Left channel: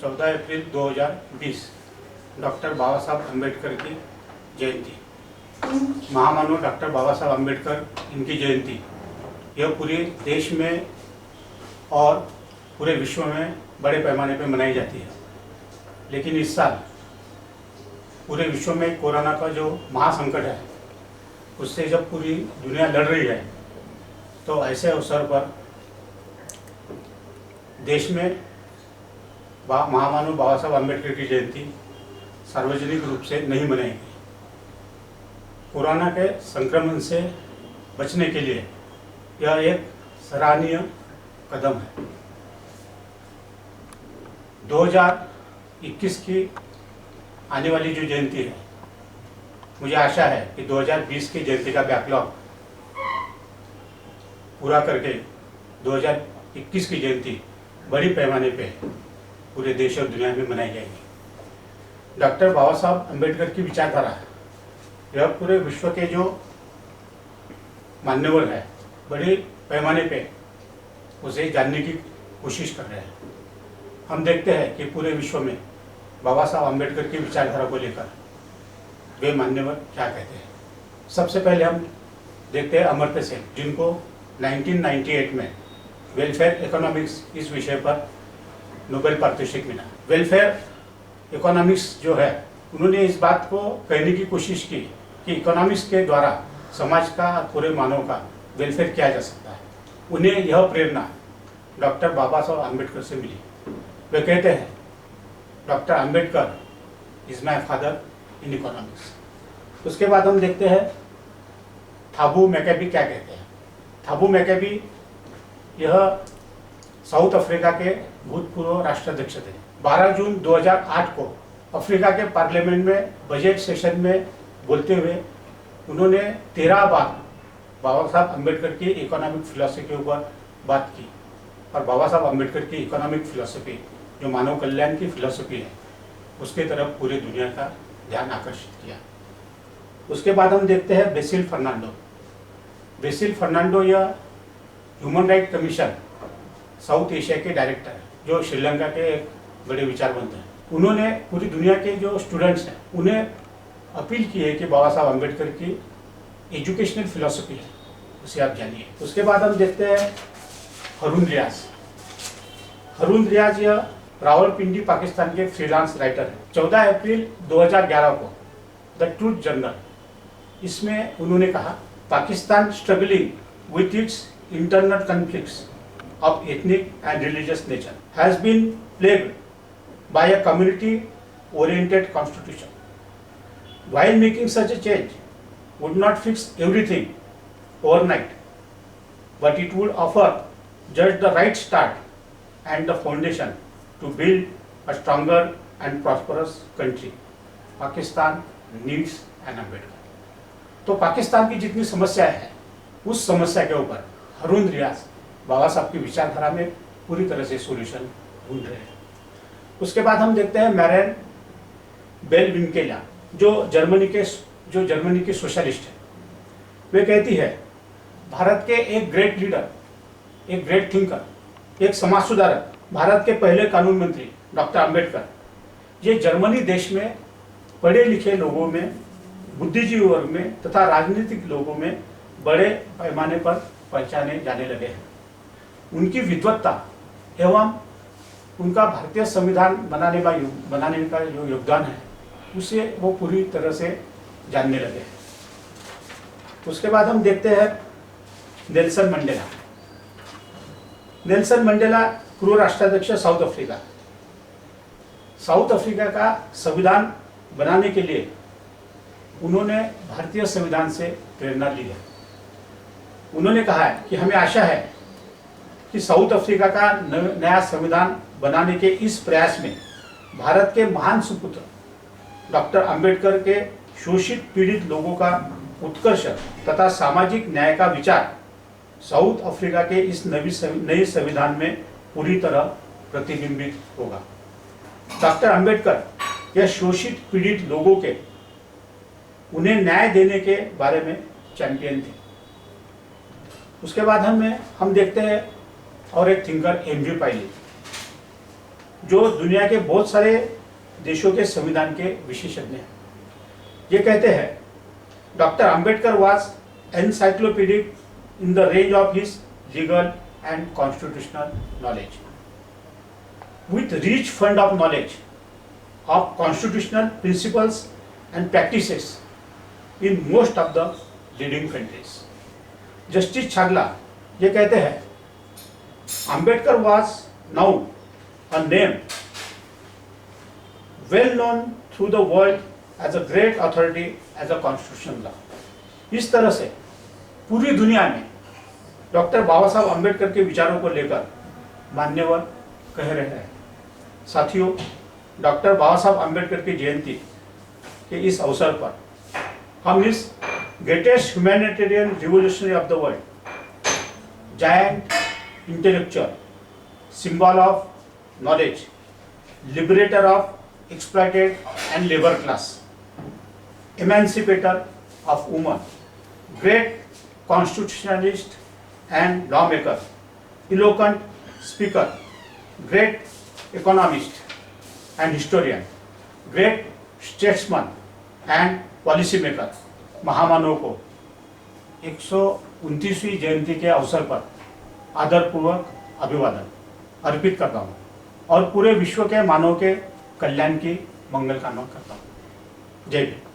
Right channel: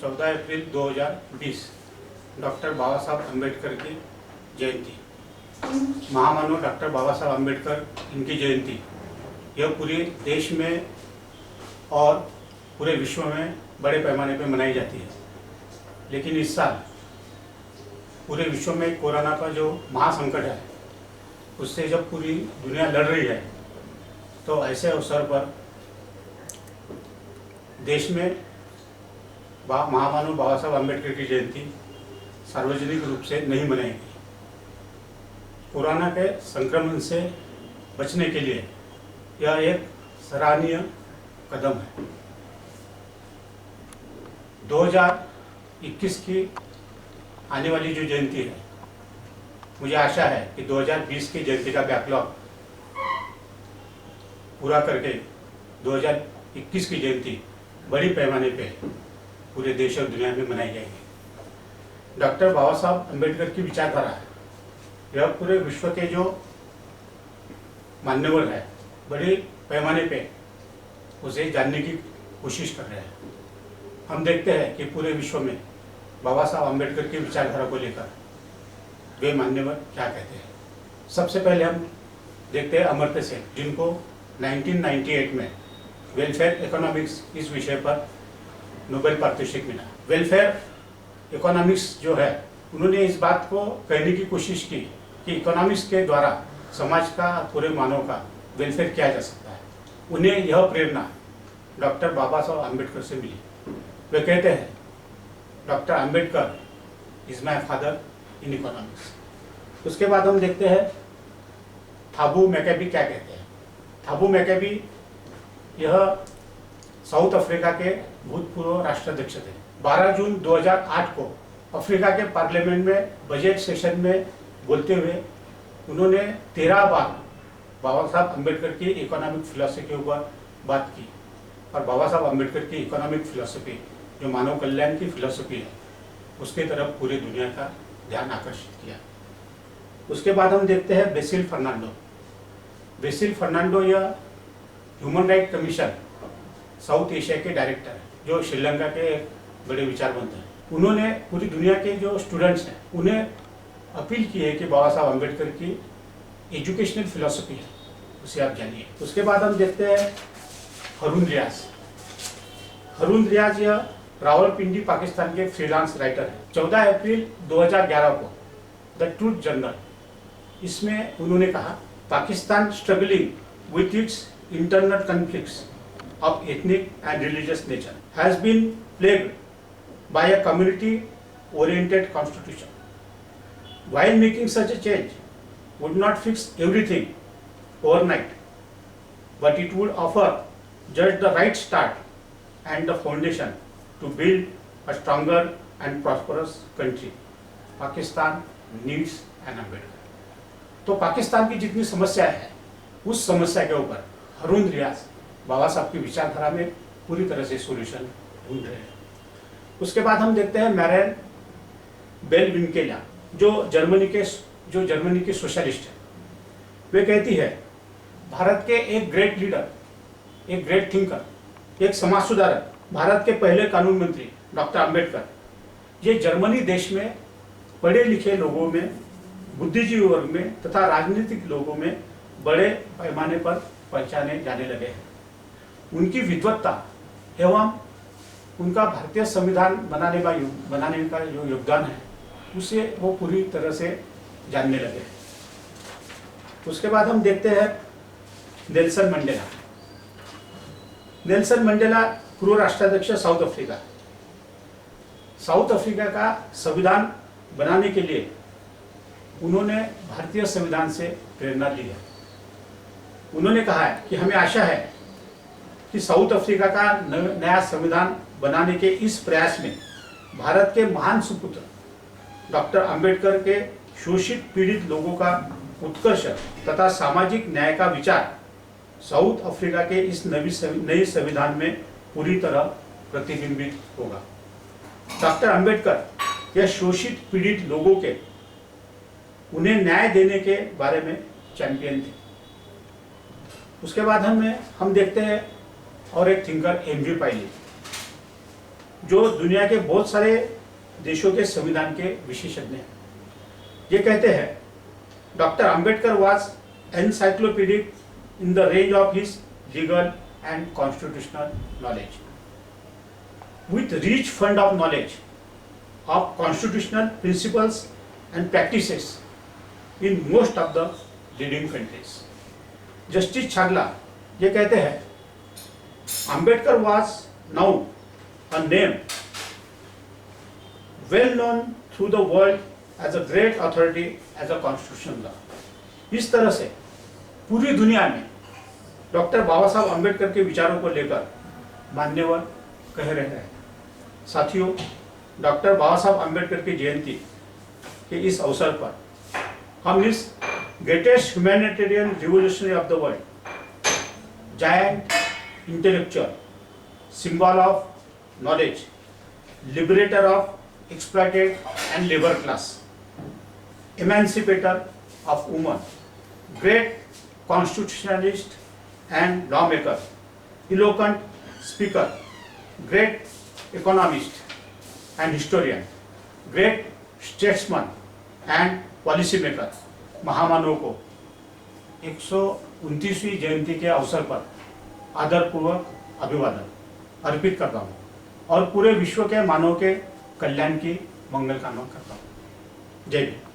14 अप्रैल 2020 doctor बाबा साहब अम्बेडकर की जयंती। महामानव doctor बाबा साहब अम्बेडकर इनकी जयंती यह पूरे देश में और पूरे विश्व में बड़े पैमाने पर मनाई जाती है। लेकिन इस साल पूरे विश्व में कोरोना का जो महासंकट है उससे जब पूरी दुनिया लड़ रही है तो ऐसे अवसर पर देश में महामानव बाबा साहब अम्बेडकर की जयंती सार्वजनिक रूप से नहीं मनाई गई। कोरोना के संक्रमण से बचने के लिए यह एक सराहनीय कदम है। 2021 की आने वाली जो जयंती है, मुझे आशा है कि 2020 की जयंती का बैकलॉग पूरा करके 2021 की जयंती बड़ी पैमाने पे पूरे देश और दुनिया में मनाई जाएगी। डॉक्टर बाबा साहब अम्बेडकर की विचारधारा है, यह पूरे विश्व के जो मान्यवर है बड़े पैमाने पे उसे जानने की कोशिश कर रहे हैं। हम देखते हैं कि पूरे विश्व में बाबा साहब अम्बेडकर की विचारधारा को लेकर वे मान्यवर क्या कहते हैं। सबसे पहले हम देखते हैं अमर्त्य सेन, जिनको 1998 में वेलफेयर इकोनॉमिक्स इस विषय पर नोबेल पारितोषिक मिला। वेलफेयर इकोनॉमिक्स जो है, उन्होंने इस बात को कहने की कोशिश की कि इकोनॉमिक्स के द्वारा समाज का पूरे मानव का वेलफेयर किया जा सकता है। उन्हें यह प्रेरणा डॉक्टर बाबा साहब अम्बेडकर से मिली। वे कहते हैं, doctor Ambedkar is my father in economics. उसके बाद हम देखते हैं थाबू मैकेबी क्या कहते हैं। थाबू मैकेबी यह साउथ अफ्रीका के भूतपूर्व राष्ट्राध्यक्ष थे। 12 जून 2008 को अफ्रीका के पार्लियामेंट में बजट सेशन में बोलते हुए उन्होंने 13 बार बाबा साहब अम्बेडकर की इकोनॉमिक फिलॉसफी के ऊपर बात की और बाबा साहब अम्बेडकर की इकोनॉमिक फिलॉसफी जो मानव कल्याण की फिलॉसफी है उसके तरफ पूरी दुनिया का ध्यान आकर्षित किया। उसके बाद हम देखते हैं बेसिल फर्नांडो। बेसिल फर्नांडो यह human right commission south Asia के डायरेक्टर है, जो श्रीलंका के एक बड़े विचारवंत हैं। उन्होंने पूरी दुनिया के जो स्टूडेंट्स हैं उन्हें अपील की है कि बाबा साहब अम्बेडकर की एजुकेशनल फिलॉसफी है उसे आप जानिए। उसके बाद हम देखते हैं हारून रियाज। हारून रियाज यह रावलपिंडी पाकिस्तान के फ्रीलांस राइटर है। 14 अप्रैल 2011 को द ट्रूथ जर्नल, इसमें उन्होंने कहा, Pakistan struggling with its internal conflicts of ethnic and religious nature has been plagued by a community-oriented constitution. While making such a change would not fix everything overnight, but it would offer just the right start and the foundation to build a stronger and prosperous country. Pakistan needs an Ambedkar. तो पाकिस्तान की जितनी समस्या है उस समस्या के ऊपर हारून रियाज बाबा साहब की विचारधारा में पूरी तरह से सॉल्यूशन ढूंढ रहे हैं। उसके बाद हम देखते हैं मैरियन बेलविंकेला, जो जर्मनी के सोशलिस्ट है। वे कहती है, भारत के एक ग्रेट लीडर, एक ग्रेट थिंकर, एक समाज सुधारक, भारत के पहले कानून मंत्री डॉक्टर अम्बेडकर, ये जर्मनी देश में पढ़े लिखे लोगों में, बुद्धिजीवी वर्ग में तथा राजनीतिक लोगों में बड़े पैमाने पर पहचाने जाने लगे हैं। उनकी विद्वत्ता एवं उनका भारतीय संविधान बनाने का जो योगदान है उसे वो पूरी तरह से जानने लगे। उसके बाद हम देखते हैं नेल्सन मंडेला। नेल्सन मंडेला पूर्व राष्ट्राध्यक्ष साउथ अफ्रीका। साउथ अफ्रीका का संविधान बनाने के लिए उन्होंने भारतीय संविधान से प्रेरणा ली है। उन्होंने कहा है कि हमें आशा है कि साउथ अफ्रीका का नया संविधान बनाने के इस प्रयास में भारत के महान सुपुत्र डॉक्टर अम्बेडकर के शोषित पीड़ित लोगों का उत्कर्ष तथा सामाजिक न्याय का विचार साउथ अफ्रीका के इस नए संविधान में पूरी तरह प्रतिबिंबित होगा। डॉक्टर अम्बेडकर यह शोषित पीड़ित लोगों के उन्हें न्याय देने के बारे में चैंपियन थे। उसके बाद हम देखते हैं और एक थिंकर एमवी पायली। जो दुनिया के बहुत सारे देशों के संविधान के विशेषज्ञ हैं। ये कहते हैं, doctor Ambedkar was encyclopedic in the range of his legal and constitutional knowledge. With rich fund of knowledge of constitutional principles and practices in most of the leading countries. Justice Chagla ये कहते हैं, Ambedkar was now a name well known through the world as a great authority as a constitutional law. इस तरह से पूरी दुनिया में doctor बाबा साहब अम्बेडकर के विचारों को लेकर मान्यवर कह रहे हैं। साथियों, डॉक्टर बाबा साहब अम्बेडकर की जयंती के इस अवसर पर हम इस greatest humanitarian revolutionary of the world, giant intellectual, symbol of knowledge, liberator of exploited and labour class, emancipator of woman, great constitutionalist and lawmaker, eloquent speaker, great economist and historian, great statesman and policy maker, महामानव को 129वीं जयंती के अवसर पर आदरपूर्वक अभिवादन अर्पित करता हूँ और पूरे विश्व के मानव के कल्याण की मंगल कामना करता हूँ। जय हिंद।